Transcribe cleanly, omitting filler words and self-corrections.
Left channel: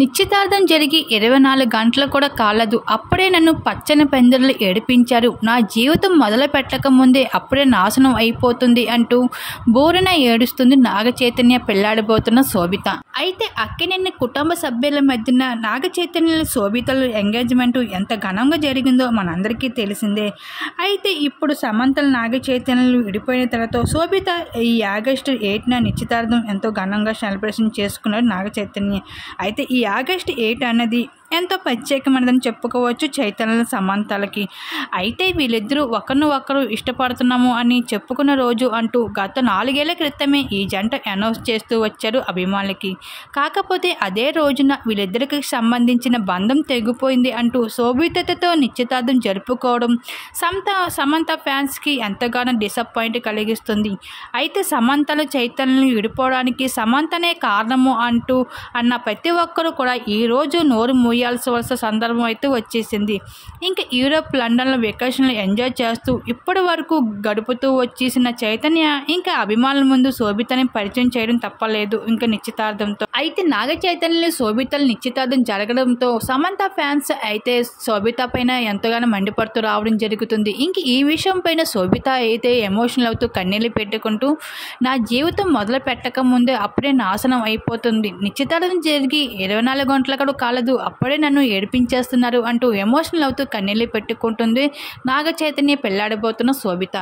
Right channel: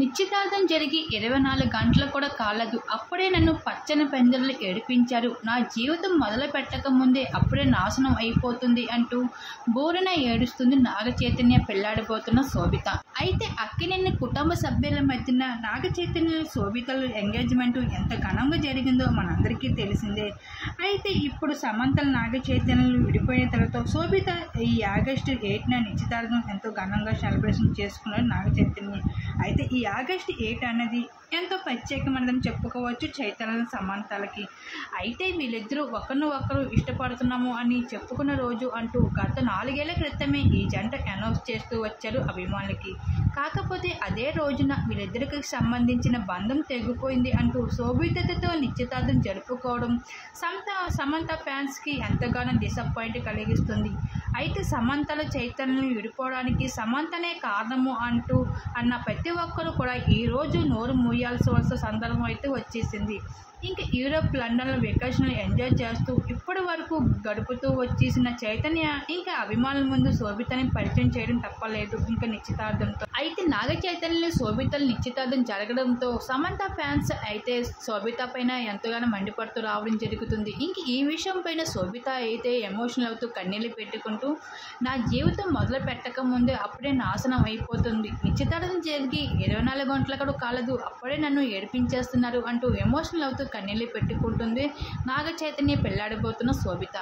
నిశ్చితార్థం జరిగి 24 గంటలు కూడా కాలేదు. అప్పుడే నన్ను పచ్చని పందిర్లు ఏడిపించారు. నా జీవితం మొదలు పెట్టక ముందే అప్పుడే నాశనం అయిపోతుంది అంటూ బోరున ఏడుస్తుంది నాగ చైతన్య పెళ్లాడబోతున్న శోభిత. అయితే అక్కినేని కుటుంబ సభ్యుల మధ్యన నాగ చైతన్య శోభితల ఎంగేజ్మెంట్ ఎంత ఘనంగా జరిగిందో మనందరికీ తెలిసిందే. అయితే ఇప్పుడు సమంతలు నాగ చైతన్యలు విడిపోయిన తర్వాత శోభిత ఈ ఆగస్టు 8న నిశ్చితార్థం ఎంతో ఘనంగా సెలబ్రేషన్ చేసుకున్నారు నాగ చైతన్య. అయితే ఈ ఆగస్టు 8 అన్నది ఎంతో ప్రత్యేకమైనదని చెప్పుకోవచ్చు చైతన్య సమంతలకి. అయితే వీళ్ళిద్దరూ ఒకరు ఇష్టపడుతున్నాము అని చెప్పుకున్న రోజు అంటూ గత 4 ఏళ్ల క్రితమే ఈ జంట అనౌన్స్ చేస్తూ వచ్చారు అభిమానులకి. కాకపోతే అదే రోజున వీళ్ళిద్దరికి సంబంధించిన బంధం తెగిపోయింది అంటూ శోభితతో నిశ్చితార్థం జరుపుకోవడం సమంత ఫ్యాన్స్కి ఎంతగానో డిసప్పాయింట్ కలిగిస్తుంది. అయితే సమంతలు చైతన్యలు విడిపోవడానికి సమంతనే కారణము అంటూ అన్న ప్రతి ఒక్కరూ కూడా ఈరోజు నోరు మూయాల్సిన సందర్భం అయితే వచ్చేసింది. ఇంకా యూరోప్, లండన్లో వెకేషన్లు ఎంజాయ్ చేస్తూ ఇప్పటి వరకు గడుపుతూ వచ్చేసిన చైతన్య ఇంకా అభిమానుల ముందు శోభితని పరిచయం చేయడం తప్పలేదు ఇంకా నిశ్చితార్థంతో. అయితే నాగ చైతన్య శోభితలు నిశ్చితార్థం జరగడంతో సమంత ఫ్యాన్స్ అయితే శోభిత పైన ఎంతగానో మండిపడుతూ రావడం జరుగుతుంది. ఇంక ఈ విషయం పైన శోభిత అయితే ఎమోషనల్ అవుతూ కన్నీళ్ళు పెట్టుకుంటూ నా జీవితం మొదలు పెట్టక ముందే అప్పుడే నాశనం అయిపోతుంది. నిశ్చితార్థం జరిగి 24 గంటల కూడా కాలేదు. అప్పుడే నన్ను ఏడిపించేస్తున్నారు అంటూ ఎమోషనల్ అవుతూ కన్నీళ్ళు పెట్టుకుంటుంది నాగ చైతన్య పెళ్లాడబోతున్న శోభిత.